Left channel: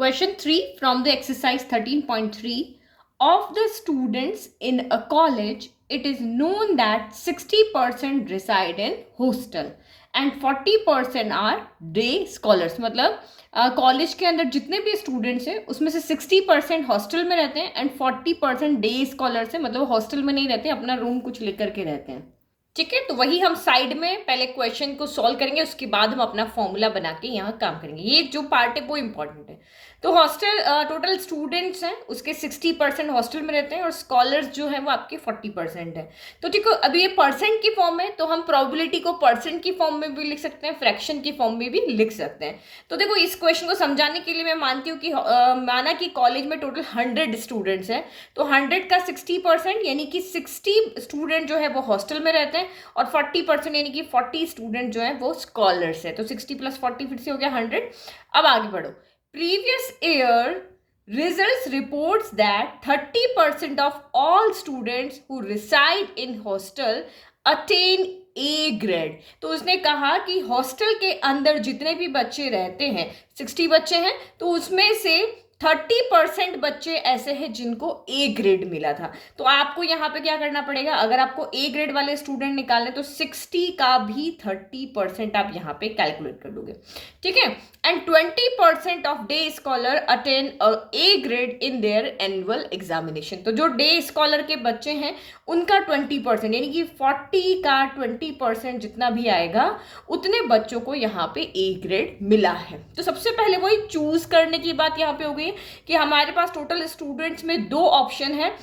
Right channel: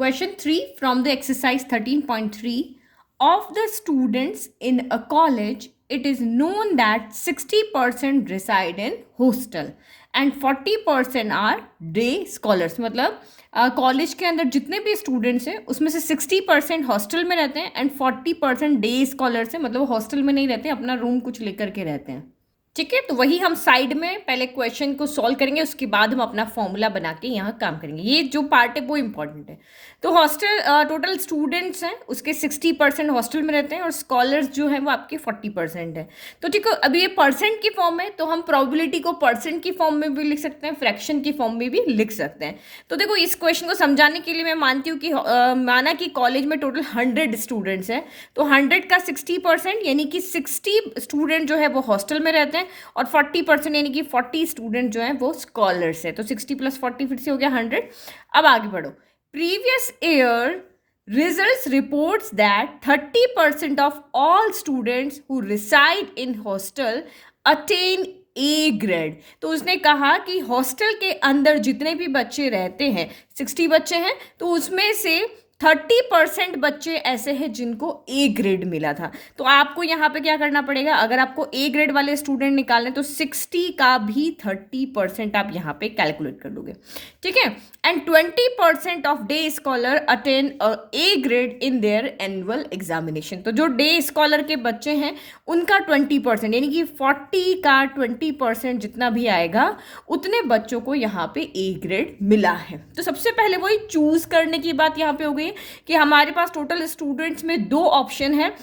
Question 3 from the exercise 13.3. Of the students in a college, it is known that 60% reside in hostel and 40% are day scholars. मतलब college के अंदर जितने भी students हैं उसमें से 60% हॉस्टल में रहते हैं एंड 40% डे स्कॉलर्स हैं, मतलब हॉस्टल में नहीं रहते, अपना रूम कुछ लेकर के रहते हैं. ठीक है, तो वही हम साइड में पहले क्वेश्चन को सॉल्व करेंगे, उसके बाद हम अपना फॉर्मूला बना के यहाँ काम करेंगे. ये जो पार्ट है वो इंपॉर्टेंट है. तो हॉस्टल टोटल स्टूडेंट्स हैं उसके 60% हॉस्टल में रहते हैं और स्कॉलर्स जो हैं वो आपके 40% है. तो ठीक है, अभी ये परसेंट की फॉर्म है तो हम प्रोबेबिलिटी को परसेंट की फॉर्म में भी लिख सकते हैं, फ्रैक्शन की फॉर्म में भी लिख सकते हैं. तो देखो, इस क्वेश्चन को समझाने के लिए मैं मानती हूँ कि माना कि कॉलेज में टोटल 100 स्टूडेंट्स हैं, तो 100 का 60% यानी कि 60 स्टूडेंट जो है वो हॉस्टल में रहते हैं और 40% यानी कि 40 स्टूडेंट जो है वो स्कॉलर्स है. तो 60 + 40 फिर से हो गया 100. अब आगे बढ़ो. Previous year results reports that 30% of all students who reside in hostel attain A grade. तो उसने कहा कि हॉस्टल के अंदर जितने भी बच्चे रहते हैं, 60 बच्चे हैं, तो उसमें से 30% बच्चे ऐसे हैं जिनको ए ग्रेड मिला था. तो आपको यहाँ पे क्या करना पड़ेगा, अगर आपको ए ग्रेड वाले स्टूडेंट निकालने तो 60 का भी 30% आप यहाँ पे कैलकुलेट कर लोगे. ठीक है, and 20% of day scholar attain A grade in their annual examination. तो जो डे स्कॉलर के बच्चे हैं उनका 20% यानी कि 40 का 20% जितना भी आएगा उतने बच्चों को यहाँ पे ए ग्रेड मिला है. तो सबसे पहले वही चूज करने की बात यहाँ पे हो गई कि हमारे पास टोटल स्टूडेंट्स में 2 ऑप्शन है,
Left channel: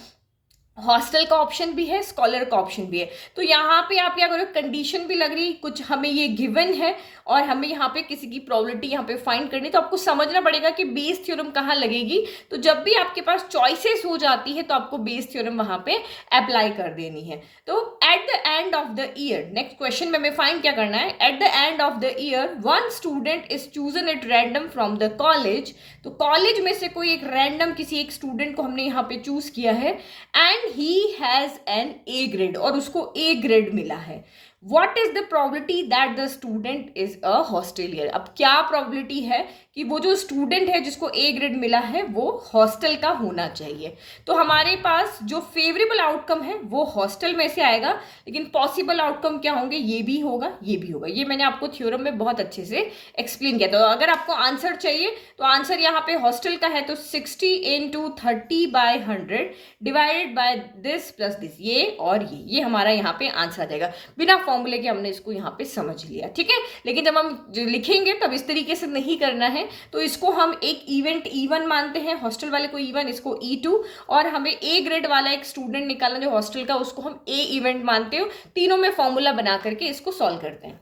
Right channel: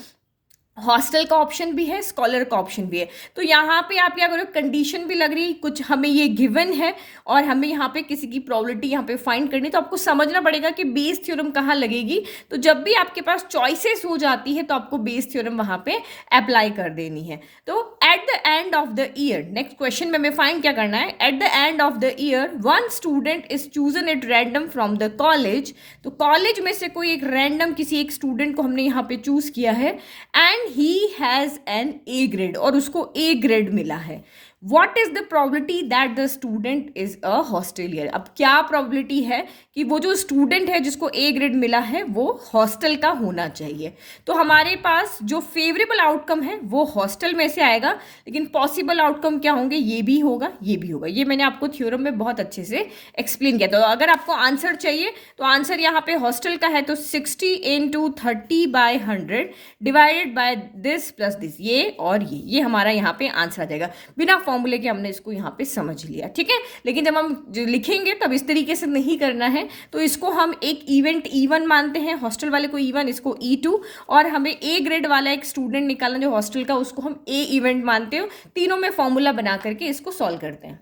हॉस्टल का ऑप्शन भी है, स्कॉलर का ऑप्शन भी है. तो यहाँ पे आप क्या करो, कंडीशन भी लग रही, कुछ हमें ये गिवन है और हमें यहाँ पे किसी की प्रोबेबिलिटी यहाँ पे फाइंड करनी, तो आपको समझना पड़ेगा कि बेस थ्योरम कहाँ लगेगी. तो जब भी आपके पास चॉइसेस हो जाती है तो आपको बेस थ्योरम वहाँ पे अप्लाई कर देनी है. तो at the end of the year, next question में हमें फाइंड क्या करना है, at the end of the year one student is chosen at random from the college. तो कॉलेज में से कोई एक रैंडम किसी एक स्टूडेंट को हमने यहाँ पे चूज किया है and he has an A grade और उसको A grade मिला है. What is the probability that the student is a hostelier? अब क्या probability है कि वो जो स्टूडेंट है जिसको A ग्रेड मिला है वो हॉस्टल का होना चाहिए. तो हमारे पास जो फेवरेबल आउटकम है वो हॉस्टल में से आएगा, लेकिन पॉसिबल आउटकम क्या होंगे, ये भी होगा, ये भी होगा. ये मैंने आपको थ्योरम में बहुत अच्छे से एक्सप्लेन किया. तो अगर आपको आंसर चाहिए तो आंसर यहाँ पे हॉस्टल का है, तो 60 × 30/100 divided by this plus this, ये और ये हमारा यहाँ पे आंसर आ जाएगा. बिना फॉर्मूले के हमने इसको यहाँ पे समझ लिया. ठीक है, लेकिन जब हम लिखेंगे तब इस तरीके से नहीं करना है. तो इसको हम एक इवेंट E1 मानते हैं, हॉस्टल वाले को E1, इसको E2, और हमें ए ग्रेड वाला एक स्टूडेंट निकालना जो हॉस्टल का, उसको हम ए इवेंट मानते हो. तीनों में फॉर्मूला बना करके इसको सॉल्व करते हैं.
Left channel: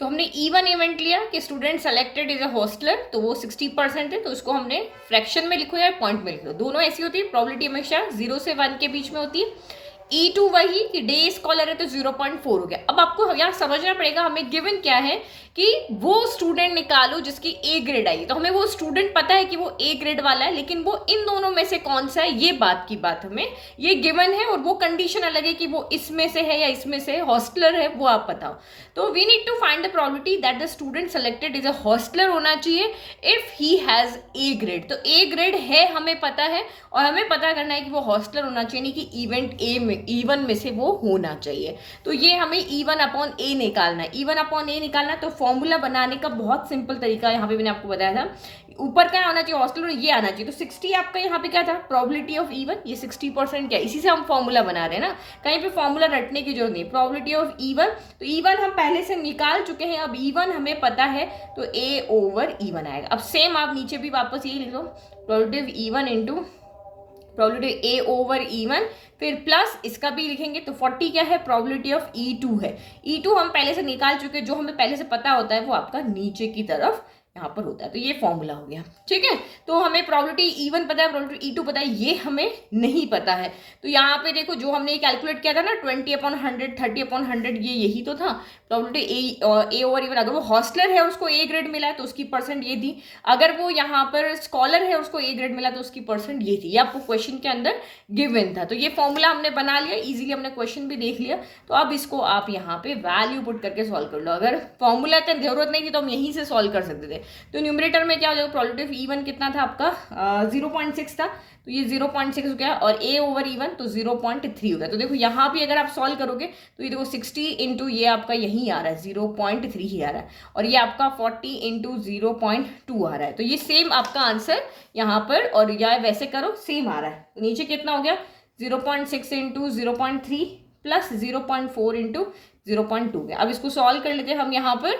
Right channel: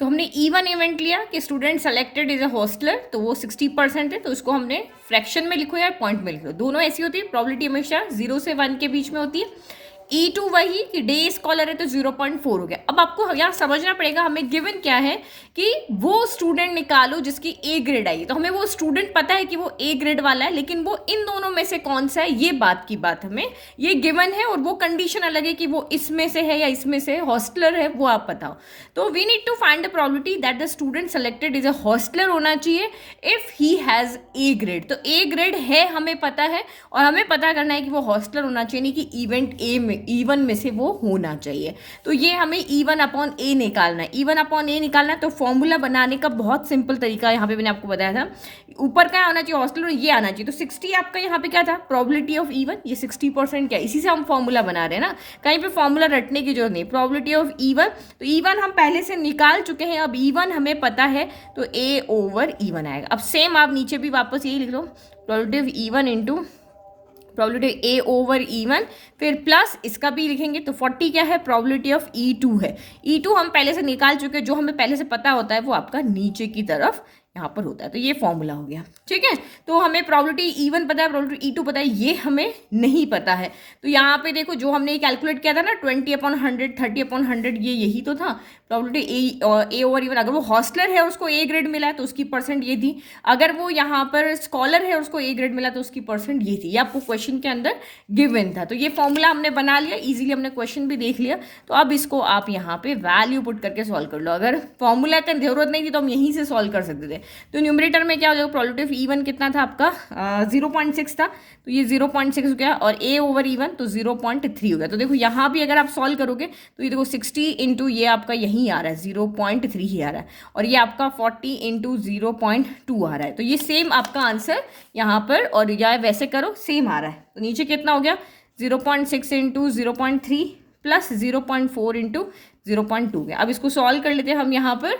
तो हमने E1 इवेंट लिया कि student selected is a hosteller, तो वो 60% है, तो उसको हमने फ्रैक्शन में लिखो या पॉइंट में लिखो, दोनों ऐसी होती है. प्रोबेबिलिटी हमेशा 0 से 1 के बीच में होती है. E2 वही कि डे स्कॉलर है तो 0.4 हो गया. अब आपको यहाँ समझना पड़ेगा हमें गिवन क्या है कि वो स्टूडेंट निकालो जिसकी ए ग्रेड आई. तो हमें वो स्टूडेंट पता है कि वो ए ग्रेड वाला है, लेकिन वो इन दोनों में से कौन सा है, ये बात की बात हमें ये गिवन है, और वो कंडीशन अलग है कि वो इसमें से है या इसमें से हॉस्टलर है, वो आप बताओ. तो we need to find the probability that the student selected is a hostler होना चाहिए if he has A grade. तो ए ग्रेड है हमें पता है, और हमें पता करना है कि वो हॉस्टलर होना चाहिए, नहीं कि इवेंट ए में E1 में से वो होना चाहिए. तो ये हमें E1/A निकालना है. E1/A निकालना है तो फॉर्मूला बनाने का बहुत सिंपल तरीका यहाँ पे मैंने आपको बताया था. ऊपर क्या आना चाहिए, हॉस्टलर, ये आना चाहिए. तो 60 आपका यहाँ पे क्या था, प्रोबेबिलिटी ऑफ E1, ये 60% क्या, इसी से हम फॉर्मूला बना रहे हैं ना, कहीं पे फॉर्मूला रटने की जरूरत नहीं. प्रोबेबिलिटी ऑफ E1, तो E1 हम पहले से निकाल चुके हैं, अब E1 हमें पता है तो A/E1 आएगा. अब सेम आप नीचे भी वापस यही लिख लो, probability of E1 into probability A/E1, फिर प्लस इसका भी लिखेंगे. तो 40 क्या है, प्रोबेबिलिटी ऑफ E2 है. E2 हम पहले से निकाल चुके हैं, जो हमें पहले से पता होता है वो आपका नीचे की तरफ यहाँ पर होता है. तो ये फॉर्मूला हो गया. ठीक है, तो हमें प्रोबेबिलिटी E1 पता है, प्रोबेबिलिटी E2 पता है, ये हमें नहीं पता है. तो यहाँ पे देखो जो हमने कैलकुलेट किया था ना 20/100, 30/100, ये यही तो था प्रोबेबिलिटी A/E1. अगर वो हॉस्टलर है और उसको ए ग्रेड मिला है तो उसकी परसेंट ये थी, अगर वो यहाँ पर स्कॉलर है और उसको ए ग्रेड मिला तो उसकी परसेंट ये थी. ये आपको क्वेश्चन के अंदर गिवन था. तो ये फॉर्मूला हमने बना लिया, इजीली हमने क्वेश्चन भी देख लिया. तो अब इसको आप यहाँ पे वैल्यू पुट करके सॉल्व कर लो. अगर फॉर्मूला की जरूरत नहीं थी तो हम यहीं से सॉल्व कर सकते थे, तो न्यूमरेटर में क्या हो जाएगा, प्रोबेबिलिटी ऑफ E1 कितना था आपका 0.6 था, तो ये 0.6 हो गया, और A ओवर E1 तो 0.3 हो गया। तो देखो यहाँ भी अगर आप सॉल्व करोगे तो ये देखो 60 इंटू ये आपका यही आ रहा है 0.3 ही आ रहा है, और ये आपका 40 इंटू 0.2 आ रहा है। तो ये सेम आपका आंसर यहाँ पर, और या वैसे करो सेम आ रहा है। तो नीचे कितना हो गया 0.6 इंटू 0.3 प्लस 0.4 इंटू 0.2 गया। अब इसको सॉल्व कर लेते हैं हम यहाँ पर,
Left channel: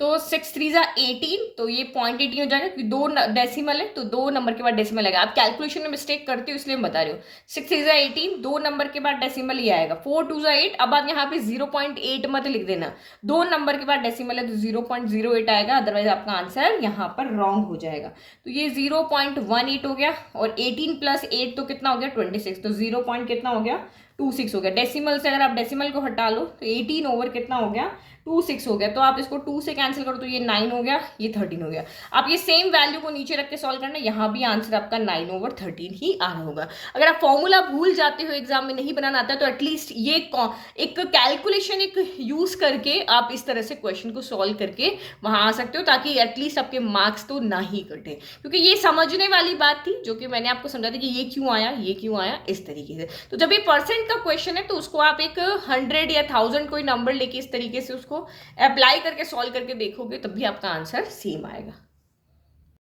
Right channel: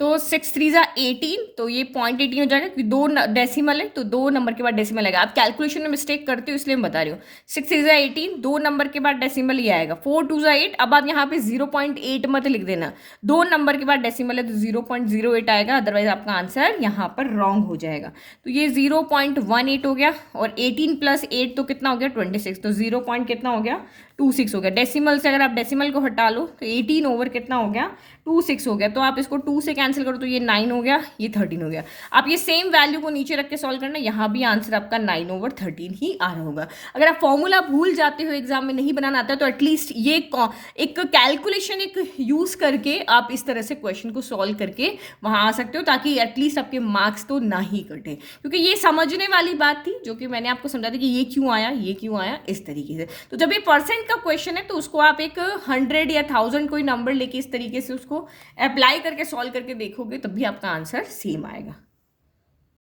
तो 6 3 जा 18, तो ये 0.18 हो जाएगा क्योंकि 2 डेसिमल है तो 2 नंबर के बाद डेसिमल आएगा। आप कैलकुलेशन में मिस्टेक करते हो इसलिए मैं बता रही हूँ। 6 3 जा 18, 2 नंबर के बाद डेसिमल ही आएगा। 4 2 जा 8, अब आप यहाँ पे 0.8 मत लिख देना, 2 नंबर के बाद डेसिमल है तो 0.08 आएगा, अदरवाइज आपका आंसर यहाँ पर रॉन्ग हो जाएगा। तो ये 0.18 हो गया, और 18 प्लस 8 तो कितना हो गया 26, तो 0. कितना हो गया 26 हो गया। डेसिमल से अगर आप डेसिमल को हटा लो तो 18 ओवर कितना हो गया 26 हो गया। तो आप इसको 2 से कैंसिल करो तो ये 9 हो गया, ये 13 हो गया। आप ये सेम वैल्यू को नीचे रख के सॉल्व करना, यहाँ भी आंसर आपका 9 ओवर 13 ही आ रहा होगा। अगर आप फॉर्मूला भूल जाते हो, एग्जाम में नहीं बनाना आता तो एटलीस्ट ये एक कैलकुलेशन एक यूज करके आप इस तरह से क्वेश्चन को सॉल्व करके वहां आ सकते हो, ताकि एटलीस्ट आपके मार्क्स तो ना ही कटे। क्योंकि ये समझने वाली बात थी जो कि मैंने आपको समझा थी कि ये क्यों आया, ये क्यों आया, इस तरीके से। तो जब ये परसेंट का क्वेश्चन है तो उसको आप एक 100 या 1000 कोई नंबर लेके इस तरीके से उसको अप्लाई करके सॉल्व करके देखोगे तब भी आपका आंसर सेम आएगा।